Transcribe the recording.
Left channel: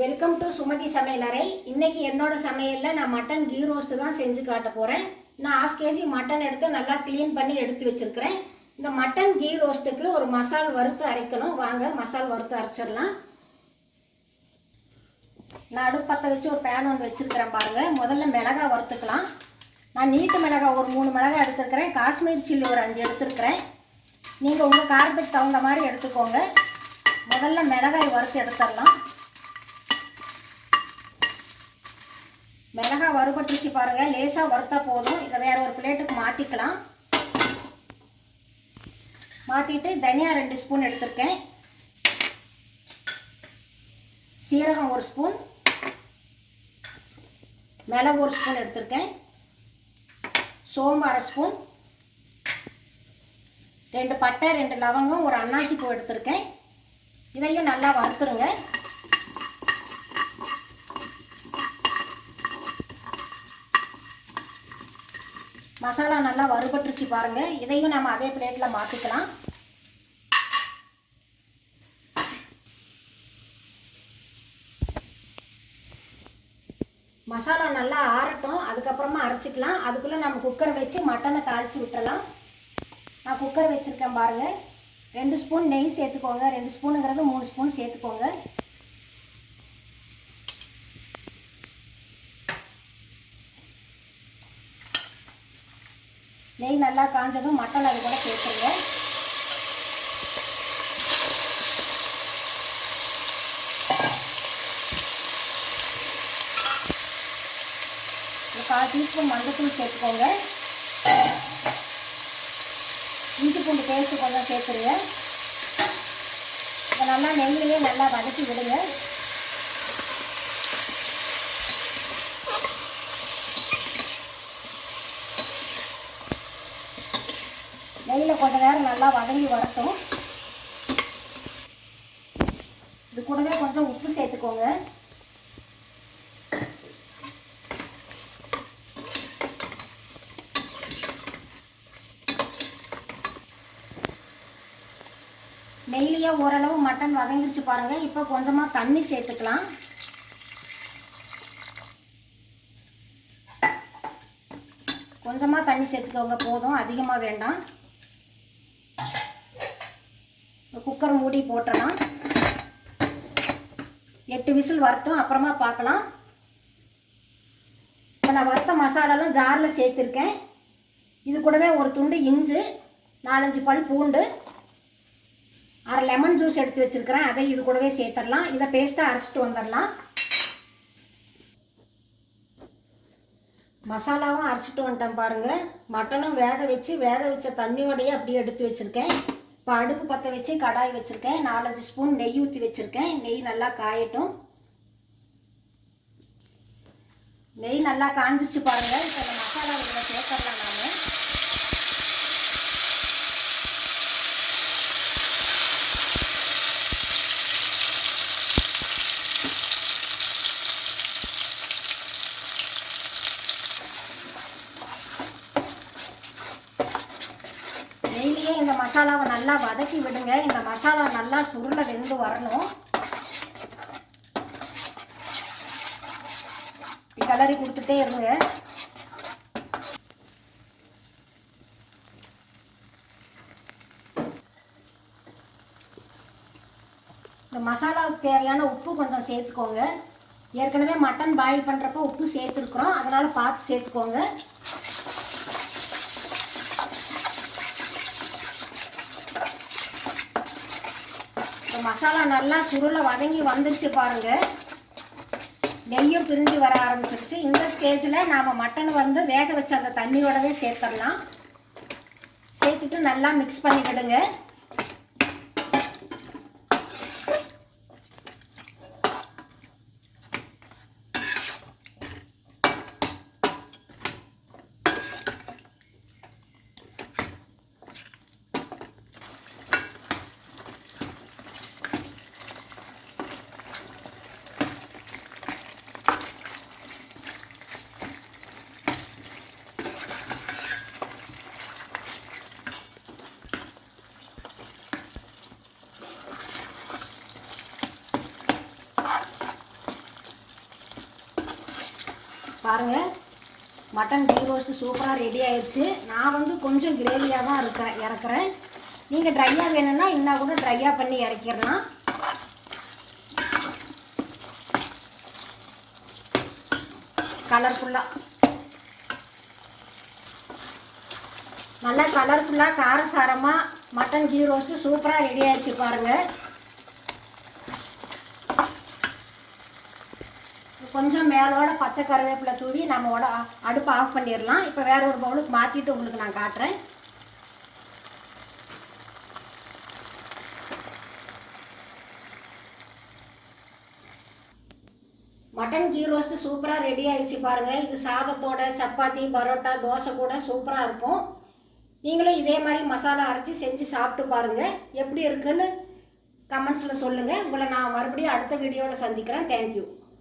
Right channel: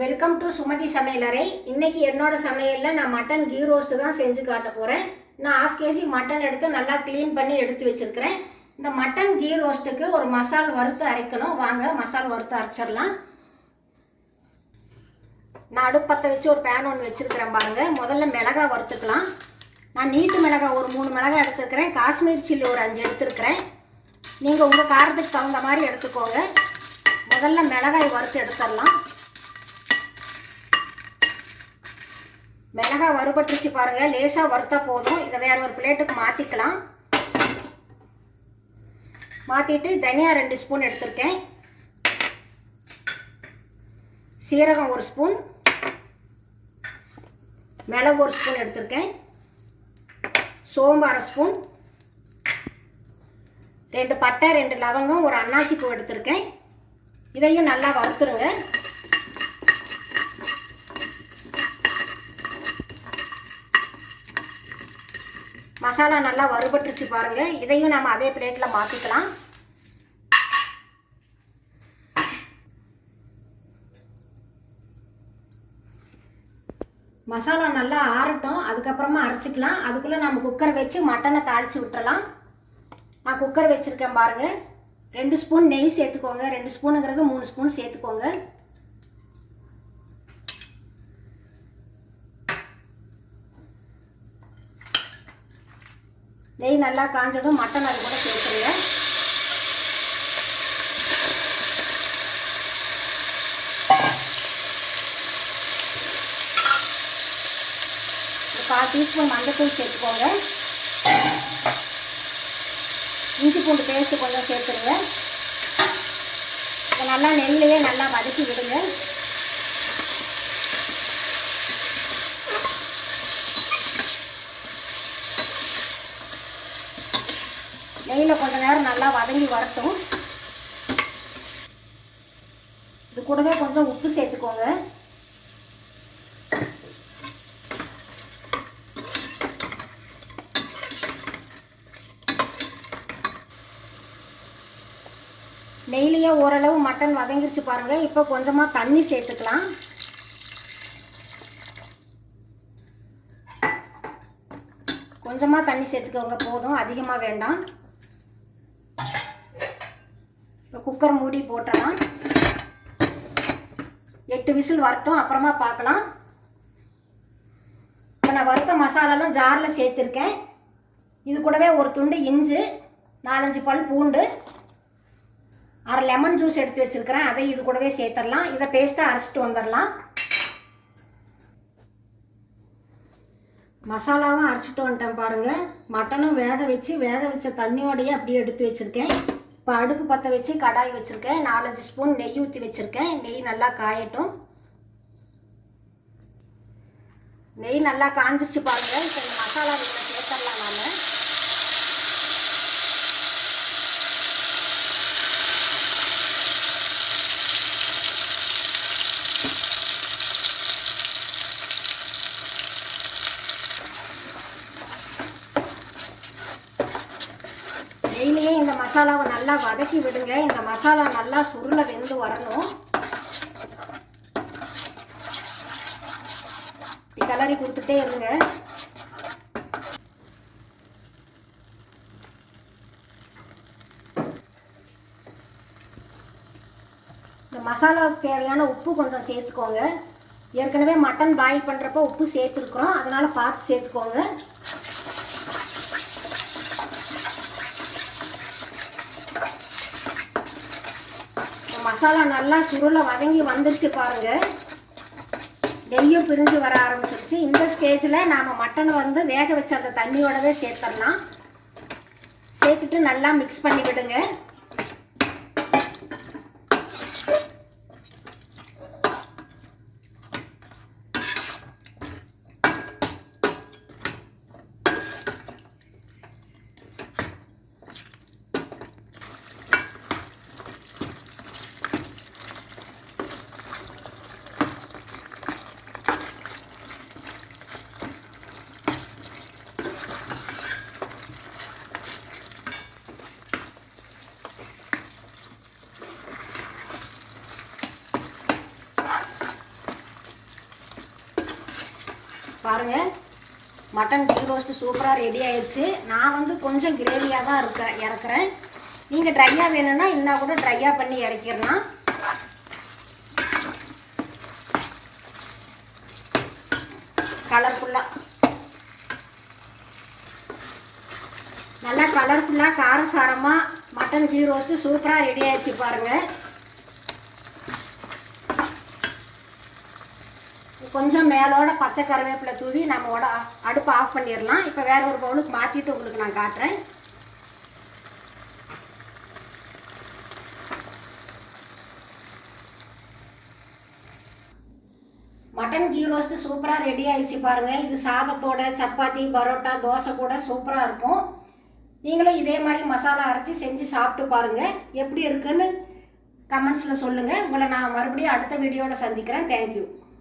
Welcome to Sumathi சமையலறை. இன்றைக்கி என்னோட சமையலில் நான் மட்டன் கீ ரோஸ்ட்டு தான் செஞ்சு காட்ட போகிறேன். நான் 1/2 kg மட்டன் எடுத்து நல்லா க்ளீன் பண்ணி எடுத்து வச்சுருக்கிறேன். இந்த மட்டன் கீ ரோஸ்ட்டுக்கு ஒரு மசால் வறுத்து அரைக்கணும். வாங்க மசால் வறுத்து அரைச்சிடலாம். நான் அடுப்பத்தை வச்சு ஒரு பேன் ஒன்று வச்சுருக்கிறேன் பாருங்கள். முதல்ல மிளகாய் வறுத்துக்கலாம். நான் நீட்டு மிளகாய் ஒரு 3 மிளகாய் எடுத்துருக்கிறேன். காஷ்மீர் சில்லி ஒரு 5 எடுத்துருக்கிறேன். நீங்கள் உங்கள் காரத்துக்கு தகுந்த மாதிரி எடுத்துக்கோங்க. முதல்ல மிளகாய் வறுத்து எடுத்துடலாம். மிளகாய் வறுபட்டுருச்சு பாருங்கள். லேசாக வறுத்தா போதும். இதை வேறு ஒரு பிளேட்டுக்கு மாற்றிக்கலாம். மாற்றிட்டு தனியா 2 ஸ்பூன் எடுத்துருக்கேன். சீரகம் 1 ஸ்பூன், மிளகு 1 ஸ்பூன் எடுத்துருக்கேன். சோம்பு 1/2 ஸ்பூன், 2 பட்டை, 2 லவங்கம், ஒரு அன்னாசி பூ எடுத்துருக்கேன். இதையும் நல்லா வறுத்துருங்க. மசாலா நல்லா வறுபட்டுருச்சு பாருங்கள். இதையும் நம்ம அதே பிளேட்டில் மாற்றிக்கலாம். மசாலா நல்லா ஆறட்டும், அதுக்கப்புறமா அரைச்சிக்கலாம். அதுக்குள்ளே நம்ம குக்கரை வச்சு மட்டனை தாளித்து விட்டுறலாம். நான் குக்கர் வச்சுருக்கேன் பாருங்கள். 2 ஸ்பூன் நெய் சேர்த்துக்கோங்க. 2 ஸ்பூனுங்கிறது 3 ஸ்பூன் சேர்த்துக்கோங்க. நெய் நல்லா காஞ்சதும் மட்டன் அது கூட சேர்த்துருங்க. ஒரு 1/4 டீஸ்பூன் மஞ்சத்தூள் சேர்த்துக்கோங்க. இஞ்சி பூண்டு பேஸ்ட்டு கொஞ்சம் சேர்த்துருங்க. இதை நல்லா நெல்லையே நல்லா வதக்கி விடுங்க. நெய்யில் கொஞ்சம் நேரம் நல்லா வதங்கி வரட்டும். இது கூடவே கொஞ்சம் உப்பு சேர்த்துக்கோங்க. நெய்லியே ஓரளவு மட்டன் வதங்கிருச்சு பாருங்கள். இப்போ கொஞ்சமாக தண்ணி சேர்த்துக்கலாம். கொஞ்சமாக தண்ணி சேர்த்துக்கோங்க, போதும், அதிகமாக வேண்டாம். குக்கர் மூடி போட்டுறலாம். 8 விசில் வரட்டும், அப்புறமா பார்க்கலாம். இப்போ நான் வறுத்த மசாலாலாம் ஜாரில் சேர்த்துருக்கேன். இது கூடவே ஒரு துண்டு இஞ்சி, 4-5 பல் பூண்டு, 1/2 லெமன் ஜூஸ் எடுத்து வச்சுருக்கிறேன். அதை இது கூடவே சேர்த்துடலாம். இதை பேஸ்ட்டாக அரைச்சிட்டு வந்துடலாம். மசாலாவும் அரைச்சிட்டு வந்துட்டேன் பாருங்கள். மட்டனும் வேக வச்ச தண்ணியோடையே அப்படியே எடுத்து வச்சுருக்கேன். இப்போ அடுப்பு பற்ற வச்சு கடாய் வச்சுருக்கேன். 4-5 ஸ்பூன் நெய் ஊற்றி வச்சுருக்கேன். நெய் நல்லா காயட்டும். நெய் நல்லா காஞ்சிருச்சு பாருங்கள். இப்போ இந்த மசாலா இதில் சேர்த்துடலாம். நான் நெய்லேயே இந்த மசாலாவை நல்லா வதக்கி விடுங்க. இந்த மசாலா நல்லா சுருள வெந்து வரணும். கிளறி கொடுத்துட்டே இருங்க. இந்த மசாலாவுக்கு தேவையான உப்பு கொஞ்சம் சேர்த்துக்கோங்க. ஏற்கனவே மட்டன் பாயில் பண்ணுறப்போ உப்பு சேர்த்துருக்குறோம், அதனால் பார்த்து சேர்த்துக்கோங்க. மசாலா நல்லா சுருள வதங்கி வந்துருச்சு பாருங்கள். நெய்யும் பிரிஞ்சு வர ஆரம்பிச்சிருச்சு. இந்த ஸ்டேஜில் நாம் மட்டனை வேக வச்ச அந்த தண்ணியோடவே சேர்த்துடலாம். சேர்த்துட்டு நல்லா மிக்ஸ் பண்ணி விடுங்க. பாருங்கள், மட்டன் கீ ரோஸ்ட்டு சூப்பராக ரெடி ஆயிடுச்சு. நான் வந்து கொஞ்சம் கிரேவியாக தான் இறக்குறேன். நீங்கள் ட்ரையாக வேணும்னா இன்னும் கூட ட்ரையாக பண்ணி இறக்கிடலாம். நல்லா கலர்ஃபுல்லாக காரசாரமாக மட்டன் கீ ரோஸ்ட்டு சூப்பராக ரெடி ஆகிடுச்சு பாருங்கள். கொஞ்சம் மேலோட பச்சை கருவேப்பிலை தூவி நம்மளோட அடுப்பு ஆஃப் பண்ணிடலாம். இப்போ வேற ஒரு பவுலுக்கு மாற்றிட்டு உங்களுக்கு நான் காட்டுறேன். மட்டன் கீ ரோஸ்ட்டு சூப்பராக ரெடி ஆகிடுச்சு பாருங்கள். இது சாதத்தோட, சப்பாத்தி, பரோட்டா, தோசை கூட சூப்பராக இருக்கும். நீங்களும் இதே மாதிரி மசாலா அரைச்சி செஞ்சு சாப்பிட்டு பாருங்கள். எப்படி இருக்குன்னு கமெண்ட்ஸில் சொல்லுங்கள். உங்களை நான் மறுபடியும் அடுத்த வீடியோவில் சந்திக்கிறேன். தேங்க்யூ.